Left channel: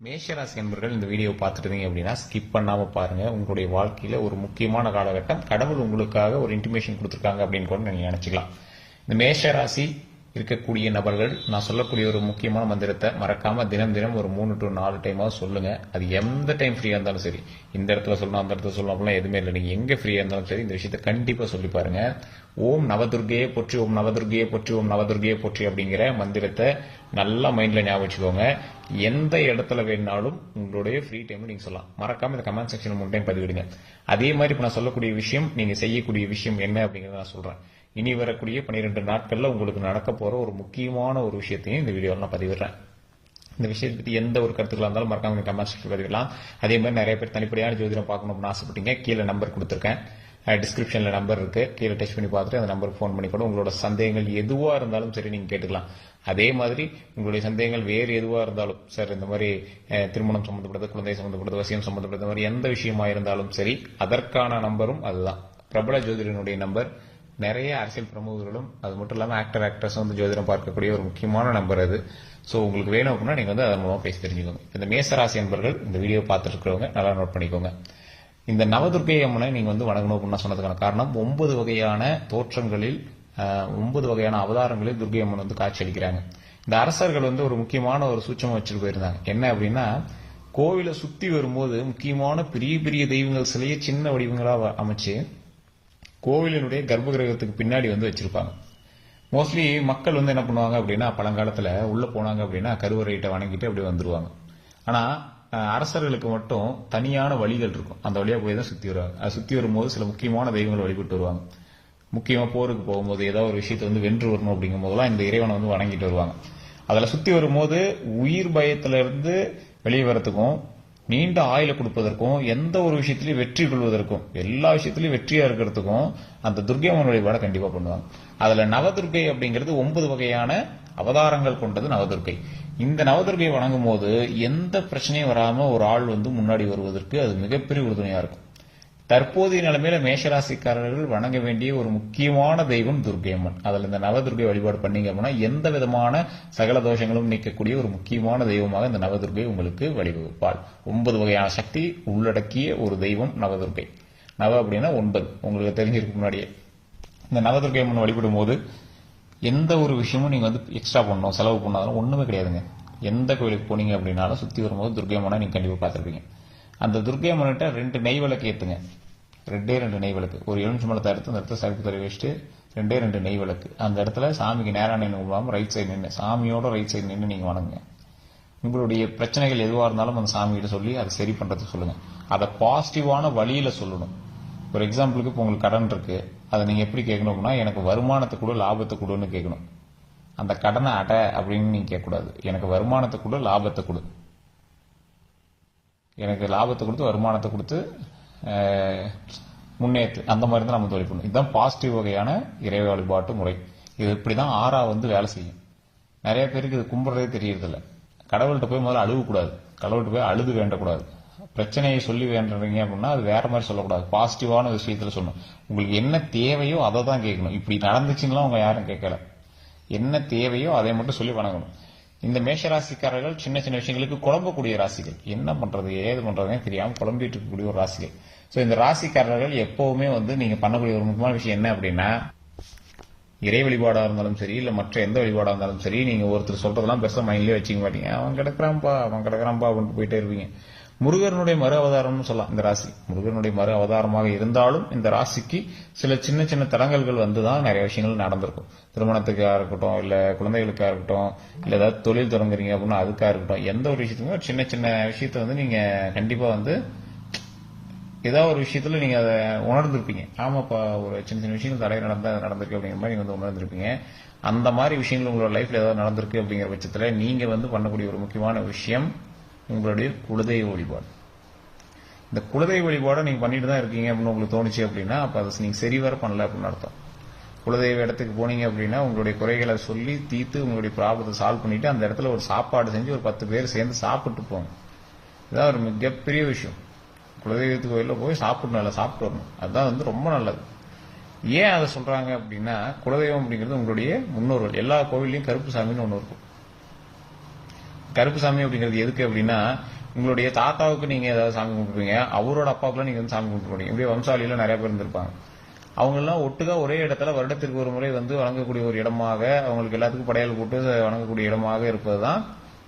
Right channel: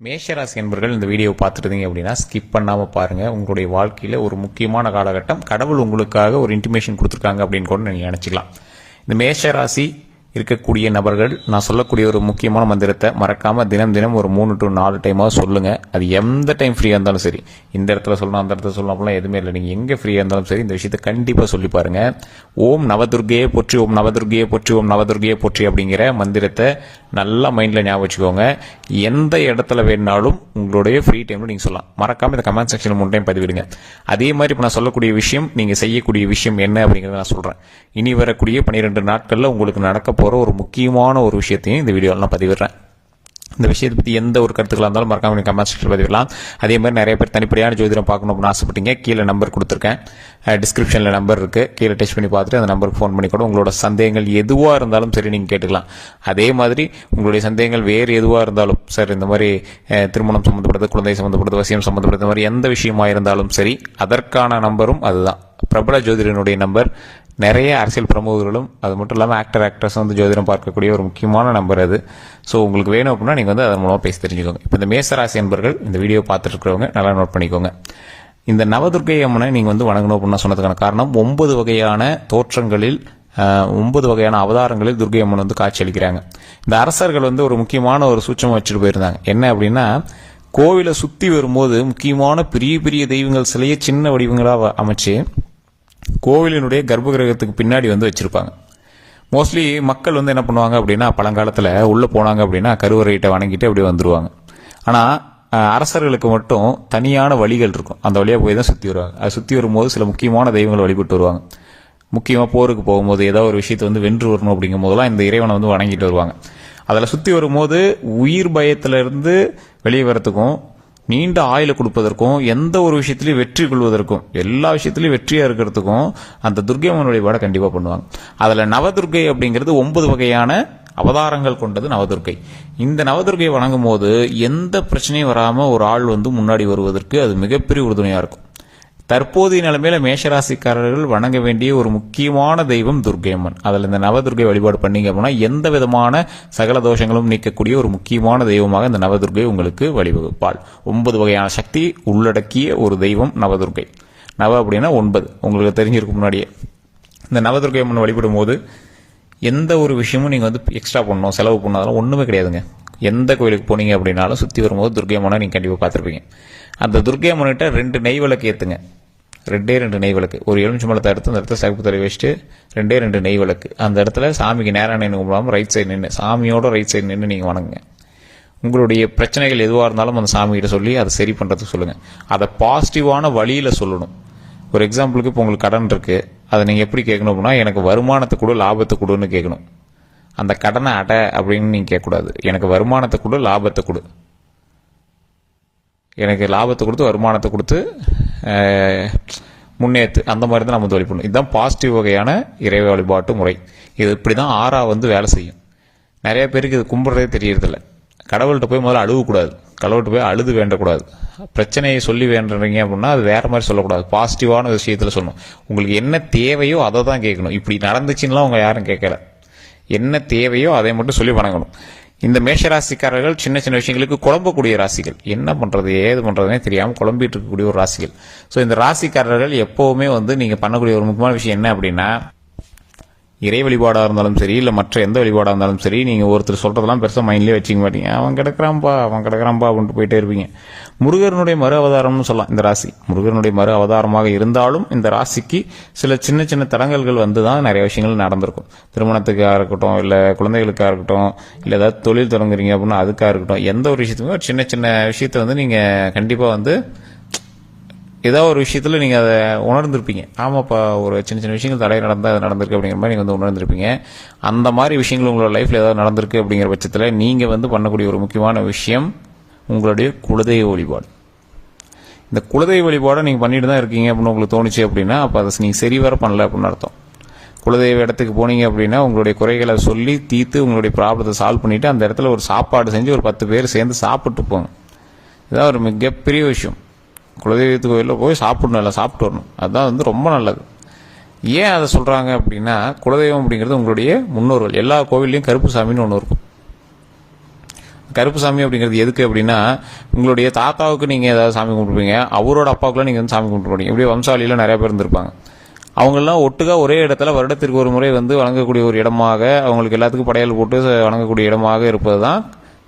மேஷராசி என்பர்கள் இந்த வீடியோ பார்த்துருந்தீங்க அப்படின்னா ஸ்கிப் பண்ணாமல் பாருங்கள். உங்களுடைய வாழ்க்கையில் ஒரு முக்கியமான காலகட்டம், கடவுள் உங்களுக்காக ஒரு இன்டிமேஷன் கொடுத்துருக்காங்க அப்படின்னு கூட நீங்கள் நினச்சிக்கலாம். இந்த மேஷராசி இருக்கக்கூடிய நபர்கள் நான் சொல்லக்கூடிய ஒரு முக்கியமான மந்திரத்தை மறக்காம தினம் தினம் ஒரு 3 to 4 டைமாக சொல்லுங்க. அது எந்த டைம் ஃப்ரீயாக இருந்தாலும் சரி, இந்த இடத்துல சொல்லணும் அந்த இடத்துல சொல்லணும் அப்படிலாம் எதுவுமே இல்லை. நீங்கள் எங்கே ஃப்ரீயாக இருந்தாலும் சரி இந்த விஷயத்தை கண்டிப்பாக சொல்லி பாருங்க. ஓம் நவதுர்கையே போற்றி, ஓம் நவதுர்கையே போற்றி, ஓம் நவதுர்கையே போற்றி அப்படிங்கிற மந்திரத்தை நல்லா மைண்டில் ஞாபகம் வச்சுக்கோங்க. எந்த இடத்துல வேணாலும் உங்களுடைய ஃப்ரீ டைமில் நீங்கள் சொல்லலாம். மறக்காமல் இந்த கமெண்ட் செக்ஷனில் 3 டைம் பதிவிடுங்க. அதே மாதிரி இப்போ நான் சொல்லக்கூடிய விஷயம், நீங்கள் செய்யக்கூடிய விஷயம் என்ன அப்படிங்கிறத நான் சொல்கிறேன். இனி வரக்கூடிய 12 நாட்களில் உங்களுக்கு நடக்க போகிற ஒரு முக்கியமான ஒரு விஷயத்தையும் இந்த வீடியோவில் நான் பதிவிடுறேன். இந்த விஷயத்தை பற்றி எந்த ஒரு கருத்துக்களாக இருந்தாலும் மறக்காம நீங்கள் கமெண்ட் செக்ஷனில் பதிவிடலாம். அதே மாதிரி நிறைய பேர் தனிப்படையான ஜோதிடம் பார்க்கணும் அப்படின்னு ஆசைப்பட்டீங்க. கீழே நம்பர் கொடுத்துருக்கேன், டிஸ்கிரிப்ஷனில் நம்பர் இருக்குது. கீழே டெஸ்ட் பண்ணி பார்த்துட்டு அந்த நம்பருக்கு ஃபோன் பண்ணி கூட உங்களோட சந்தேகங்கள் எதுவாக இருந்தாலும் சரி நீங்கள் கேட்டுக்கலாம். அதே மாதிரி உங்களுடைய சந்தேகங்கள் வேறு எதுவாக இருந்தாலும் சார், இந்த மாதிரி திருமணம் சம்மந்தப்படுறது, குழந்தை சம்மந்தப்படுறது, வசியம் சம்மந்தப்படுறது, இந்த மாதிரி எந்த விஷயமாக இருந்தாலும் சரி, அதற்கான நம்பரும் அதுதான். பிரபல ஜோதிடனுடைய நம்பர். நிறைய அரசியல் பிரமுகர்களும் அது மட்டும் இல்லாமல் ஆக்டர்ஸ் வந்து ஜோதிடம் பார்க்கக்கூடிய ஒரு முக்கியமான நம்பர் அது. ஸோ உங்களுக்கு வேணும் அப்படின்னா நீங்கள் வந்து அதன் மூலமாக பேசி தெரிஞ்சுக்கோங்க. இப்போ இந்த மேசராசி என்பர்கள் இந்த வீடியோ பார்த்துட்டு இருக்கிறவங்க நல்லா நோட் பண்ணிக்கோங்க. இந்த நவதுர்க்கை அம்மனை நீங்கள் வந்து வணங்கணும் அப்படின்னு சொன்னதுக்கான காரணம், 9 வகையான தோற்றங்களில் 9 வகையான அவதாரங்களில் துர்க்கை அம்மன் வந்து காட்சி அளிக்கிறாங்க. இந்த அரசர்கள் வந்து ஒரு முக்கியமான ஒரு சூட்சமாக வச்சுட்டு போயிருந்தாங்க. என்ன அப்படின்னா, கோவிலை சுற்றி வரும்போது முக்கியமான பெரிய பெரிய தெய்வங்கள் சிலையை சின்ன வடிவங்களாக அமைச்சு கோவிலினுடைய கர்ப்பகிரகத்துக்கு பின்னாடி வந்து வச்சிருப்பாங்க. மோஸ்ட்லி மக்கள் வந்து என்ன பண்ணுவாங்க அப்படின்னா, பழங்காலத்தில் உள்ளே போனாங்க அப்படின்னா கருவறையிட்ட வணங்கிட்டு அப்படியே வந்துடுவாங்க. ஆனால் அரசர்களுக்கு மட்டும் தனியான வழிகள் இருக்கும். அந்த வழியாக போய் தான் சுற்றி வருவாங்க. அது சுற்றி வரும்போது சில முக்கியமான தெய்வங்களை வழிபட்டு வருவாங்க. முக்கியமாக போருக்கு போகும்போது ஏதாவது ஒரு விஷயத்தை வந்து வென்று வரணும் அப்படிங்கும் போதெல்லாம் இந்த இறைவனை வந்து வணங்கிட்டு வருவாங்க. அதில் சுற்றி வரும்போது உயிர் பயத்திலிருந்து வெளியே வரத்துக்கும், நீண்ட ஆயுளை கொடுப்பதற்கும், எந்த ஒரு விஷயத்திலையும் வெற்றி கொள்வதற்கும், எல்லா விஷயத்திலையும் வெற்றியாக இருக்கிறதுக்கும் அந்த துர்க்கை அம்மன் வழிபாடை கண்டிப்பாக பண்ணுவாங்க. அதில் நவதுர்க்கை அப்படிங்கிறது 9 வகையான அவதாரங்கள் கொண்டது நவதுர்க்கை. இந்த நவதுர்க்கையை வணங்கும் போது எந்த பிரச்சனையும் வராமல் ஒரு ஆள் வந்து முன்னாடி வருவதற்கு அது மிகப்பெரிய உறுதுணையாக இருக்கும். தற்போதைய நிலைமையில மேஷராசிக்காரர்கள் வணங்க வேண்டிய ஒரு முக்கியமான தெய்வம் துர்க்கை அம்மன். அதில் இந்த நவதுர்க்கை வழிபாடு பண்ணீங்க அப்படின்னா எந்த விதமான சகல தோஷங்களும் நீக்கக்கூடிய ஒரு முக்கியமான தெய்வமாக இந்த நவதுர்க்கை உங்களுக்கு வழிவகுப்பாள். 9 வகையான சக்தி உள்ளடக்கிய ஒரு தெய்வம் நவதுர்க்கை. நவ அப்படின்னா 9, உங்களுக்கு தெரிஞ்சிருக்கும் முன்னாடியே. இந்த நவதுர்க்கை அம்மன் வழிபடும் போது எந்த ஒரு விஷயமும் நீங்கள் வந்து எக்ஸ்ட்ரா பண்ணணும், செலவு பண்ணாலும் ஒன்றுமே கிடையாதுங்க. எந்த கோயிலுக்கு போனீங்க அப்படின்னாலும் சுற்றி வரும்போது துர்க்கை அம்மனை நீங்கள் கண்டிப்பாக பார்த்துருப்பீங்க. அந்த துர்க்கை அம்மன்கிட்ட 2 நெய் விளக்கு ஏற்றுங்க. 2 நெய் விளக்கு, ஒரு எலுமிச்சம்பழத்தை எடுத்து அந்த இடத்துல சகுப்பு தலை வச்சுட்டு 2 நெய் விளக்கு அந்த இடத்துல சாமிக்கு நேராக நின்று கும்பிடாமல் ரைட் சைடு நின்று, சாமியோட ரைட் சைடு நின்று நீங்கள் வணங்குங்க. உங்களுடைய பிரச்சனைகள் எதுவாக இருந்தாலும் அந்த சாமிகிட்ட சொல்லி அதை சரி பண்ணுறதுக்கு சொல்லுங்கள். அதை பாசிட்டிவான வழியில் சொல்லணும். ஒரு எக்ஸாம்பிளுக்கு இப்போ உங்களுக்கு கடன் இருக்குது, அதை நீங்கள் எப்படி கேட்கணும் அப்படின்னா, எனக்கு வருமானத்தை கொடு, லாபத்தை கொடுன்னு கேட்கணும். அந்த கடனை அப்படின்னு நீங்கள் கேட்கக்கூடாது. எனக்கு வருமானத்தை கொடு, லாபத்தை கொடு, எனக்கு லாபத்தை கொடுத்து வருமானத்தை கொடுத்து முன்னேற்று, அந்த மாதிரி தான் நம்ம வந்து வழிபடணும். இதுதான் பாசிட்டிவ் வகையான இறை வழிபாட்டு முறை. இது இப்படி தான் ஆறா வந்து வேலை செய்யும். நிறைய பேருக்கு இது கும்பிட்றதே தெரியறதில்ல. கடவுள்கிட்ட போய் முதல்ல அழுகக்கூடாது, கடவுள்கிட்ட போய் அழுது வேண்டக்கூடாது. பிரச்சனையை சொல்லி வேண்டுறீங்க அப்படின்னா அது வேற மாதிரி சொல்லக்கூடாது, பாசிட்டிவான விஷயத்தில் சொல்லணும். உங்களுக்கு என்ன தேவையோ அதை தான் கேட்கணும். இப்படி நடந்துச்சுன்னா அவங்க யாரும் கேட்கல. என்ன தேவையோ அதை மட்டும் சொல்லி வணங்கணும். இந்த மேஷராசிக்காரர்கள் சின்ன சின்ன விஷயங்களுக்கு குழம்பக்கூடிய ராசிகள். என்ன பண்ணுறது ஏது பண்ணுறதுனே தெரியாமல் குழம்பிட்டு இருக்கக்கூடிய ஒரு ராசிகள். ஸோ இந்த ராசிக்காரர்கள் எப்போவுமே வந்து நீங்கள் பண்ணக்கூடிய ஒரு முக்கியமான விஷயம் என்ன அப்படின்னா, இறை வழிபாடாக இருந்தாலும் சரி, இல்லை மற்ற எந்த வழிபாடாக இருந்தாலும் சரி, நீங்கள் ஒருத்தர் சொல்கிறதெல்லாம் பெருசாக மைண்ட்லேயே வச்சுக்க மாட்டீங்க. அவன் கிடக்கிறான்பா அப்படின்ட்டு போயிட்டே இருப்பீங்க. முருகனுடைய மறு அவதாரம்னு சொல்லலாம் இந்த ராசி. முருகனுடைய மறு அவதாரமாக இருந்தாலும் இந்த ராசிக்கு சில சின்ன சின்ன தடங்கல்கள் வந்து தான் நிறைய விஷயங்கள் நடந்திருக்கும். திருமணத்துக்காக இருக்கட்டும், இல்லை குழந்தைகளுக்காக இருக்கட்டும், இல்லை ஏதாவது தொழில் தொடங்குறீங்க அப்படின்னா அதுக்காக இருக்கட்டும், எந்த ஒரு விஷயத்துக்குமே ஒரு சின்ன சின்ன விஷயத்த வந்து நீங்கள் கண்டிப்பாக வந்து ஏதோ ஒரு விஷயத்தில் நீங்கள் அதை உணர்ந்திருப்பீங்க. ஆமாப்பா, ஒரு சின்ன சின்ன விஷயங்கள் தடை நடந்தால் அது நடந்திருக்கு அப்படிங்கிற மாதிரி நீங்கள் வந்து உணர்ந்திருப்பீங்க. அந்த மாதிரி விஷயங்கள் உங்களோட லைஃப்பில் ஏதாவது நடந்திருக்கு அப்படிங்கிற பட்சத்தில் நீங்கள் வந்து பண்ணக்கூடிய ஒரு முக்கியமான விஷயம் உங்களுடைய குலதெய்வ வழிபாடு. இந்த குலதெய்வ வழிபாடை நீங்கள் பண்ணிட்டு தான் இருக்கீங்க அப்படின்னு உங்களுக்கு தோணுச்சு அப்படின்னா அப்போ அதை நீங்கள் சரிவர பண்ணல அப்படின்னு அர்த்தம். குலதெய்வ இடத்துக்கு போனீங்க அப்படின்னா உங்களுடைய குறைகளை சொல்லி தீர்த்து உங்களுடைய ப்ராப்ளத்தை சால்வ் பண்ணிவிட்டு அந்த இடத்துல ஒரு சாப்பாடு செஞ்சு ஒரு 10 பேர் சேர்ந்து சாப்பிட்டு போங்க. இதுதான் ஒரு மிகப்பெரிய விஷயம். குலதெய்வத்துக்கு கோயிலில் போய் சாப்பிடணும், இல்லை சாப்பிட்டு வரணும். அதுதான் வந்து ரொம்ப நல்லது. ஏன் அதை சொல்கிறாங்க அப்படின்னா, குலதெய்வம் அப்படிங்கிறது உங்களுடைய முன்னோர்கள். எல்லா கோவில்லையும் கருப்பு சாமின்னு ஒன்று இருக்கும். கருப்பு சாமி அப்படிங்கிறது எதுக்கு அப்படின்னா, உங்களுடைய தாத்தாவுக்கு நீங்க ஏதாவது சாமி கும்பிட்டுருப்பீங்க, அவரோட அப்பாவுக்குலாம் நீங்க வந்து சாமி கும்பிட்டுருப்பீங்க. இப்படி வம்சாவளியில நிறைய பேர் இருந்திருப்பாங்க. அவங்கெல்லாம் ஒட்டுக்கா ஒரே இடத்துல வருடத்திற்கு ஒரு முறை வந்து வணங்கக்கூடிய ஒரு இடமாக, அவங்களுக்கு எல்லாத்துக்கும் படையல் போட்டு வணங்கக்கூடிய இடமாக இருப்பது தான்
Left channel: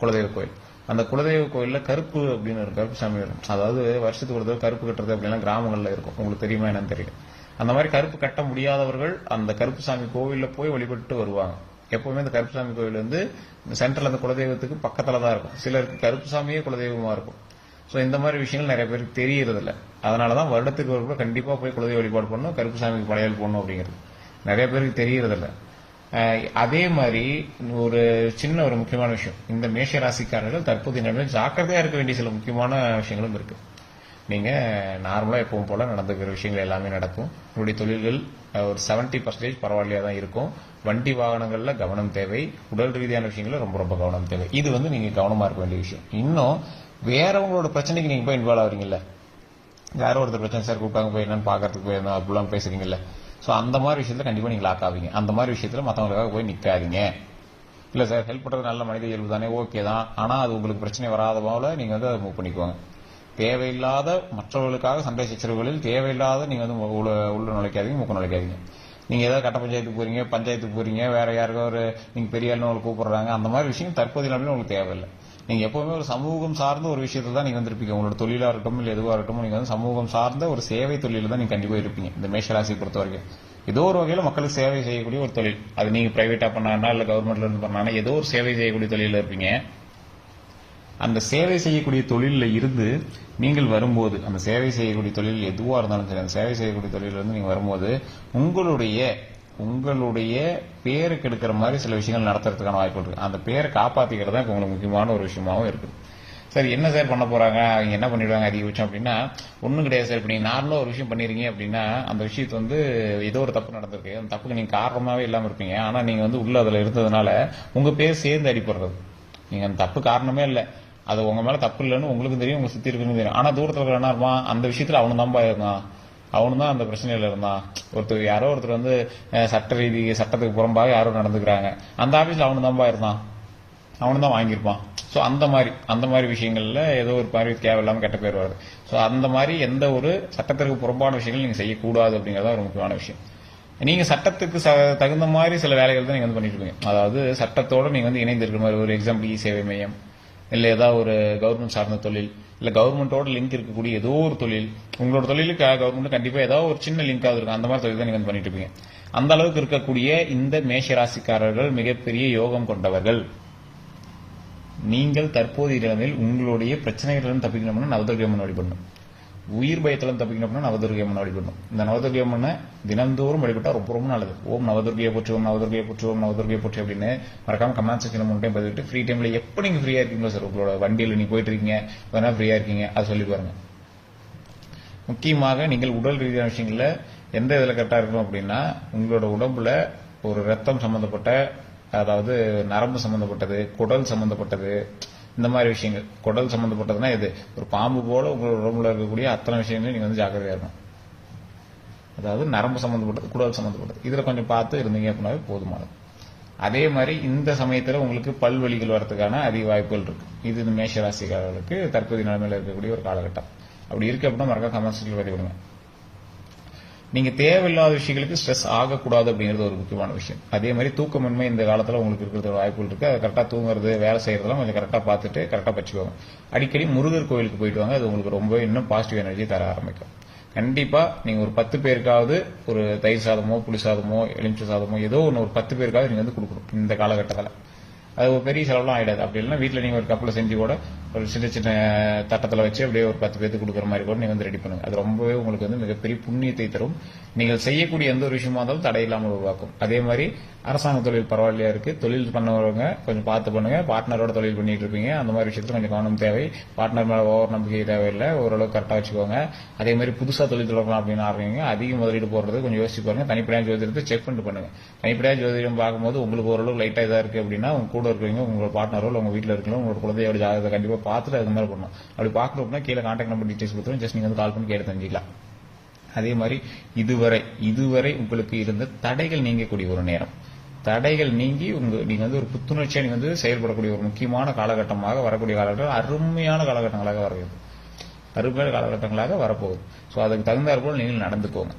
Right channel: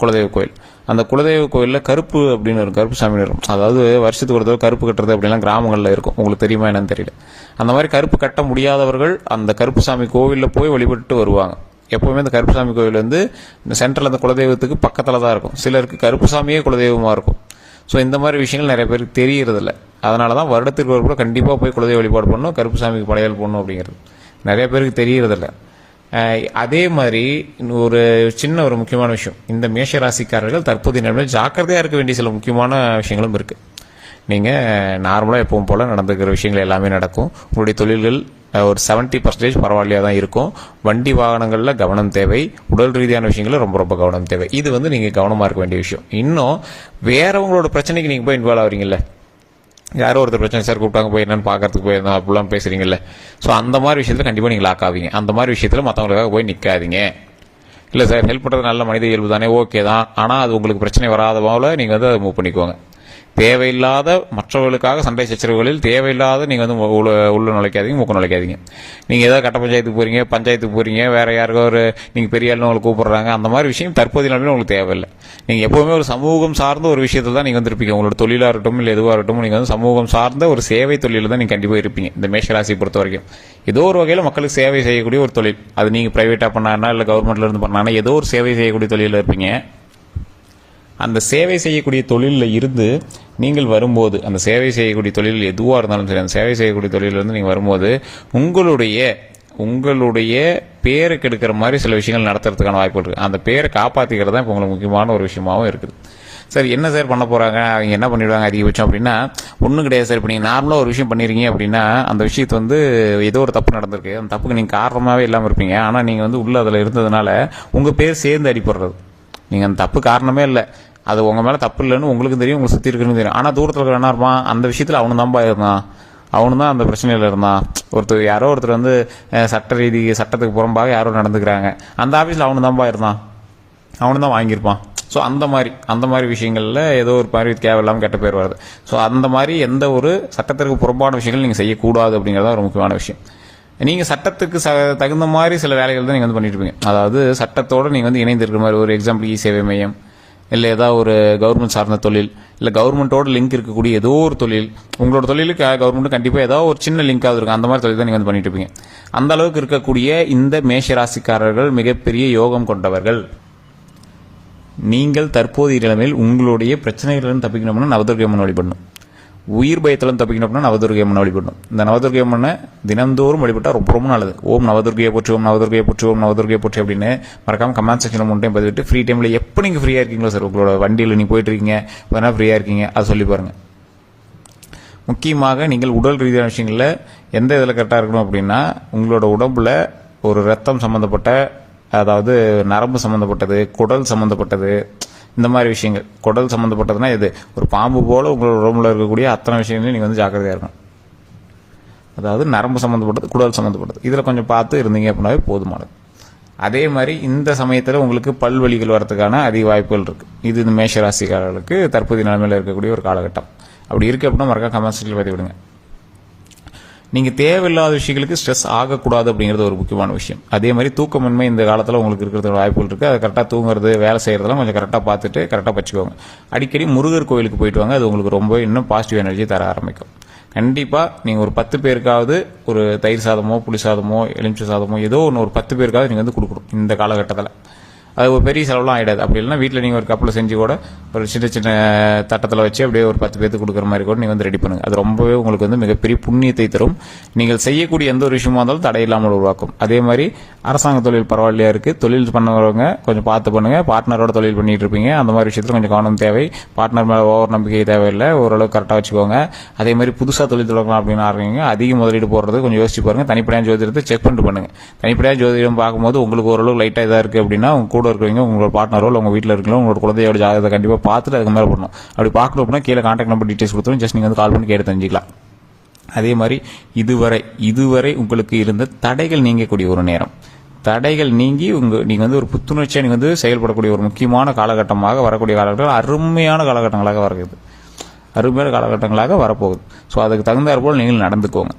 குலதெய்வ கோயில். அந்த குலதெய்வ கோயிலில் கருப்பு அப்படின்னு இருக்கும், கருப்பு சாமி இருக்கும். அதாவது வருஷத்துக்கு ஒரு தடவை கருப்பு கட்டுறது அப்படிலாம் கிராமங்களில் இருக்கும். உங்களுக்கு தெரியுமா என்னன்னு தெரியல. அந்த மாதிரி கருப்பு கட்ட முடியாதவர்கள் அந்த கருப்பு சாமி கோவிலில் போய் வழிபட்டு வருவாங்க. எப்பவுமே இந்த கருப்பு சாமி கோவில் வந்து இந்த சென்ட்ரல் அந்த குலதெய்வத்துக்கு பக்கத்தில் தான் இருக்கும். சிலருக்கு கருப்பு சாமியே குலதெய்வமாக இருக்கும். ஸோ இந்த மாதிரி விஷயங்கள் நிறைய பேருக்கு தெரியறதில்ல. அதனால தான் வருடத்திற்கு ஒரு கூட கண்டிப்பாக போய் குலதெய்வ வழிபாடு பண்ணணும், கருப்பு சாமிக்கு படையல் பண்ணணும் அப்படிங்கிறது நிறைய பேருக்கு தெரியறதில்ல. அதே மாதிரி ஒரு முக்கியமான விஷயம், இந்த மேஷ ராசிக்காரர்கள் தற்போதைய நிலைமையில் ஜாக்கிரதையாக இருக்க வேண்டிய சில முக்கியமான விஷயங்களும் இருக்குது. நீங்கள் நார்மலாக எப்பவும் போல் நடந்துக்கிற விஷயங்கள் எல்லாமே நடக்கும். உங்களுடைய தொழில்கள் ஒரு 70% பரவாயில்லையாக தான் இருக்கும். வண்டி வாகனங்களில் கவனம் தேவை. உடல் ரீதியான விஷயங்களில் ரொம்ப ரொம்ப கவனம் தேவை. இது வந்து நீங்கள் கவனமாக இருக்க வேண்டிய விஷயம். இன்னும் வேறவங்களோட பிரச்சனைக்கு நீங்கள் போய் இன்வால்வ் ஆகிறீங்கல்ல, யாரோ ஒருத்தர் பிரச்சனை சார் கூப்பிட்டாங்க போய் என்னன்னு பார்க்கறதுக்கு போயிருந்தோம் அப்படிலாம் பேசுறீங்கல்ல. ஸோ அந்த மாதிரி விஷயத்தில் கண்டிப்பாக நீங்கள் லாக் ஆவீங்க. அந்த மாதிரி விஷயத்தில் மற்றவங்களுக்காக போய் நிற்காதீங்க. இல்லை சார் ஹெல்ப் பண்ணுறது நல்ல மனித இயல்பு தானே, ஓகே தான். ஆனால் அது உங்களுக்கு பிரச்சனை வராத போல நீங்கள் வந்து அதை மூவ் பண்ணிக்கோங்க. தேவையில்லாத மற்றவர்களுக்காக சண்டை சச்சரவுகளில் தேவையில்லாத நீங்கள் வந்து உள்ள நுழைக்காதீங்க, மூக்க நுழைக்காதீங்க. நீங்கள் ஏதாவது கட்ட பஞ்சாயத்துக்கு போகிறீங்க, வேற யாருக்கோ நீங்கள் பெரிய ஆளுன்னு உங்களுக்கு கூப்பிடுறாங்க, அந்த மாதிரி விஷயம் தற்போதைய நிலைமையில் உங்களுக்கு தேவையில்லை. நீங்கள் எப்போவுமே ஒரு சமூகம் சார்ந்த ஒரு விஷயத்தில் தான் நீங்கள் வந்து இருப்பீங்க. உங்களோட தொழிலாக இருக்கட்டும் இல்லை எதுவாக இருக்கட்டும், நீங்கள் வந்து சமூகம் சார்ந்த ஒரு சேவை தொழிலில் தான் நீங்கள் கண்டிப்பாக இருப்பீங்க. இந்த மேஷராசியை பொறுத்த வரைக்கும் ஏதோ ஒரு வகையில் மக்களுக்கு சேவை செய்யக்கூடிய ஒரு தொழில், அது நீங்கள் பிரைவேட்டாக பண்ணாங்கன்னா இல்லை கவர்மெண்ட்ல இருந்து பண்ணாங்கன்னா ஏதோ ஒரு சேவை செய்யக்கூடிய தொழிலில் இருப்பீங்க. அந்த சேவை செய்யக்கூடிய தொழிலில் இருந்து நீங்கள் வரும்போது, அந்த சேவை செய்யக்கூடிய தொழில் எதுவாக இருந்தாலும் சரி, அந்த சேவை செய்யக்கூடிய தொழிலிருந்து நீங்கள் வரும்போது உங்களுடைய பேரை கெடுக்கிற மாதிரி சில விஷயங்கள் நடத்துறதுக்கான வாய்ப்பு இருக்குது. அந்த பேரை காப்பாற்றிக்கிறது தான் இப்போ உங்களுக்கு முக்கியமான ஒரு விஷயமாகவும் இருக்குது. சார் என்ன சார் பண்ண போகிறாங்க, அவங்க என்ன பண்ணிவிடுவாங்க அதிகபட்சம் அப்படின்னா, ஒன்றும் கிடையாது சார். இப்போ நீங்கள் நார்மலாக ஒரு விஷயம் பண்ணிடுறீங்க அப்படின்னா, அந்த விஷயத்து வந்து ஏதோ ஒரு தப்பு நடந்திருக்கு, அந்த தப்புக்கு நீங்கள் காரணமாகவே இல்லாமல் இருப்பீங்க. ஆனால் நீங்கள் வந்து உள்ள அதில் இருந்ததுனால உங்கள் பேர் சேர்ந்து அடிப்படுறது. நீங்கள் அந்த தப்பு காரணமே இல்லை, அது உங்கள் மேலே தப்பு இல்லைன்னு உங்களுக்கு தெரியும், உங்களுக்கு சுற்றி இருக்குன்னு தெரியும். ஆனால் தூரத்தில் இருக்கிற என்ன இருப்பான், அந்த விஷயத்தில் அவனு தான்ப்பா இருந்தான், அவனு தான் அந்த பிரச்சனையில் இருந்தான். யாரோ ஒருத்தர் வந்து சட்டத்துக்கு புறம்பாக யாரோ நடந்துக்கிறாங்க, அந்த ஆஃபீஸில் அவனு தான்ப்பா இருந்தான், அவனு தான் வாங்கியிருப்பான். ஸோ அந்த மாதிரி விஷயங்களில் ஏதோ ஒரு மாதிரி தேவையில்லாமல் கெட்ட பேர் வருது. ஸோ அந்த மாதிரி எந்த ஒரு சட்டத்திற்கு புறம்பான விஷயங்கள் நீங்கள் செய்யக்கூடாது அப்படிங்கிறத ஒரு முக்கியமான விஷயம். நீங்கள் சட்டத்துக்கு தகுந்த மாதிரி சில வேலைகள் தான் நீங்கள் வந்து பண்ணிட்டு இருப்பீங்க. அதாவது சட்டத்தோடு நீங்கள் வந்து இணைந்து இருக்கிற மாதிரி, ஒரு எக்ஸாம்பிள் சேவை மையம், இல்லை ஏதாவது ஒரு கவர்மெண்ட் சார்ந்த தொழில், இல்லை கவர்மெண்ட்டோட லிங்க் இருக்கக்கூடிய ஏதோ ஒரு தொழில், உங்களோட தொழிலுக்கு கவர்மெண்ட் கண்டிப்பாக ஏதாவது ஒரு சின்ன லிங்காவது இருக்கும். அந்த மாதிரி தொழில் தான் நீங்கள் வந்து பண்ணிட்டு இருப்பீங்க. அந்த அளவுக்கு இருக்கக்கூடிய இந்த மேஷராசிக்காரர்கள் மிகப்பெரிய யோகம் கொண்டவர்கள். நீங்கள் தற்போதைய நிலைமையில் உங்களுடைய பிரச்சனைகளிலிருந்து தப்பிக்கணும்னா நவதுர்க்கை அம்மன் வழிபடணும். உயிர் பயத்திலும் தப்பிக்கணும் அப்படின்னா நவதுர்க்கை அம்மன் வழிபடணும். இந்த நவதுர்க்கை அம்மனை தினந்தோறும் வழிபட்டால் ரொம்ப ரொம்ப நல்லது. ஓம் நவதுர்க்கையை போற்றி, ஓம் நவதுர்க்கையை போற்றி, ஓம் நவதுர்க்கையை போற்றி அப்படின்னு மறக்காம கமெண்ட் செக்ஷனில் முன் டைம் பதிவிட்டு, ஃப்ரீ டைமில் எப்போ நீங்கள் ஃப்ரீயாக இருக்கீங்களோ சார், உங்களோட வண்டியில் நீங்கள் போயிட்டு இருக்கீங்க, வேணா ஃப்ரீயாக இருக்கீங்க, அதை சொல்லி பாருங்க. முக்கியமாக நீங்கள் உடல் ரீதியான விஷயங்களில் எந்த இதில் கரெக்டாக இருக்கணும் அப்படின்னா, உங்களோட உடம்புல ஒரு ரத்தம் சம்மந்தப்பட்ட, அதாவது நரம்பு சம்மந்தப்பட்டது, குடல் சம்மந்தப்பட்டது, இந்த மாதிரி விஷயங்கள். குடல் சம்மந்தப்பட்டதுன்னா இது ஒரு பாம்பு போல உங்களோட உடம்புல இருக்கக்கூடிய அத்தனை விஷயங்களையும் நீங்கள் வந்து ஜாக்கிரதையாக இருக்கணும். அதாவது நரம்பு சம்மந்தப்பட்டது, குடல் சம்மந்தப்பட்டது, இதில் கொஞ்சம் பார்த்து இருந்தீங்க அப்படின்னாவே போதுமானது. அதே மாதிரி இந்த சமயத்தில் உங்களுக்கு பல்வலிகள் வரதுக்கான அதிக வாய்ப்புகள் இருக்குது. இது இந்த மேஷராசிக்காரர்களுக்கு தற்போதைய நிலைமையில் இருக்கக்கூடிய ஒரு காலகட்டம். அப்படி இருக்கு அப்படின்னா மறக்காம கமெண்ட் செக்ஷனில் பதிவு விடுங்க. நீங்கள் தேவையில்லாத விஷயங்களுக்கு ஸ்ட்ரெஸ் ஆகக்கூடாது அப்படிங்கிறது ஒரு முக்கியமான விஷயம். அதே மாதிரி தூக்கமின்மை இந்த காலத்தில் உங்களுக்கு இருக்கிறது வாய்ப்புகள் இருக்குது. அதை கரெக்டாக தூங்குறது, வேலை செய்கிறதெல்லாம் கொஞ்சம் கரெக்டாக பார்த்துட்டு கரெக்டாக வச்சுக்கோங்க. அடிக்கடி முருகர் கோயிலுக்கு போயிட்டு வாங்க, அது உங்களுக்கு ரொம்ப இன்னும் பாசிட்டிவ் எனர்ஜி தர ஆரம்பிக்கும். கண்டிப்பாக நீங்கள் ஒரு 10 பேருக்காவது ஒரு தயிர் சாதமோ, புளி சாதமோ, எலுமிச்சை சாதமோ ஏதோ ஒன்று ஒரு 10 பேருக்காவது நீங்கள் வந்து கொடுக்கணும் இந்த காலகட்டத்தில். அது ஒரு பெரிய செலவுலாம் ஆகிடாது. அப்படி இல்லைன்னா வீட்டில் நீங்கள் ஒரு கப்பில் செஞ்சு கூட ஒரு சின்ன சின்ன தட்டத்தில் வச்சு அப்படியே ஒரு 10 பேருக்கு கொடுக்குற மாதிரி கூட நீங்கள் வந்து ரெடி பண்ணுங்கள். அது ரொம்பவே உங்களுக்கு வந்து மிகப்பெரிய புண்ணியத்தை தரும். நீங்கள் செய்யக்கூடிய எந்த ஒரு விஷயமா இருந்தாலும் தடையில்லாமல் உருவாக்கும். அதே மாதிரி அரசாங்க தொழில் பரவாயில்லையா இருக்குது, தொழில் பண்ணுறவங்க கொஞ்சம் பார்த்து பண்ணுங்கள். பார்ட்னரோட தொழில் பண்ணிட்டு இருப்பீங்க, அந்த மாதிரி விஷயத்தில் கொஞ்சம் கவனம் தேவை. பார்ட்னர் மேலே ஓவர் நம்பிக்கை தேவையில்லை, ஓரளவுக்கு கரெக்டாக வச்சுக்கோங்க. அதே மாதிரி புதுசாக தொழில் தொடங்கலாம் அப்படின்னு ஆரம்பிங்க, அதிக முதலீடு போடுறது கொஞ்சம் யோசிச்சு பாருங்கள். தனிப்படையான ஜோதிடத்தை செக் பண்ணிட்டு பண்ணுங்கள். தனிப்படையான ஜோதிடம் பார்க்கும்போது உங்களுக்கு ஓரளவு லைட்டாக இதாக இருக்குது அப்படின்னா உங்க கூட இருக்கிறவங்க, உங்களோட பார்ட்னரோ இல்லை உங்கள் வீட்டில் இருக்கலாம், உங்களோட குழந்தையோட ஜாதகத்தை கண்டிப்பாக பார்த்துட்டு அதுக்கு மேலே பண்ணணும். அப்படி பார்க்கணும் அப்படின்னா கீழே கான்டாக்ட் நம்பர் டீட்டெயில்ஸ் கொடுத்துரும், ஜஸ்ட் நீங்கள் வந்து கால் பண்ணி கேட்டு தெரிஞ்சிக்கலாம். அதே மாதிரி இதுவரை உங்களுக்கு இருந்த தடைகள் நீங்கக்கூடிய ஒரு நேரம். தடைகள் நீங்கி நீங்க வந்து ஒரு புத்துணர்ச்சியா நீங்க வந்து செயல்படக்கூடிய ஒரு முக்கியமான காலகட்டமாக வரக்கூடிய காலகட்டங்கள் அருமையான காலகட்டங்களாக வருகிறது, அருமையான காலகட்டங்களாக வரப்போகுது. ஸோ அதுக்கு தகுந்தாற் போல் நீங்கள் நடந்துக்கோங்க.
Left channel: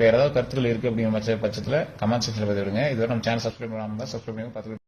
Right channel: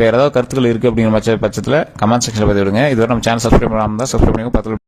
வேற ஏதாவது கருத்துக்கள் இருக்கு அப்படிங்கிற பட்சத்தில் கமெண்ட் செக்ஷன்ல பதிவிடுங்க. இதுவரை நம்ம சேனல் சப்ஸ்கிரைப் பண்ணாமல் தான் சப்ஸ்கிரைப் பண்ணுங்க. பக்கத்தில்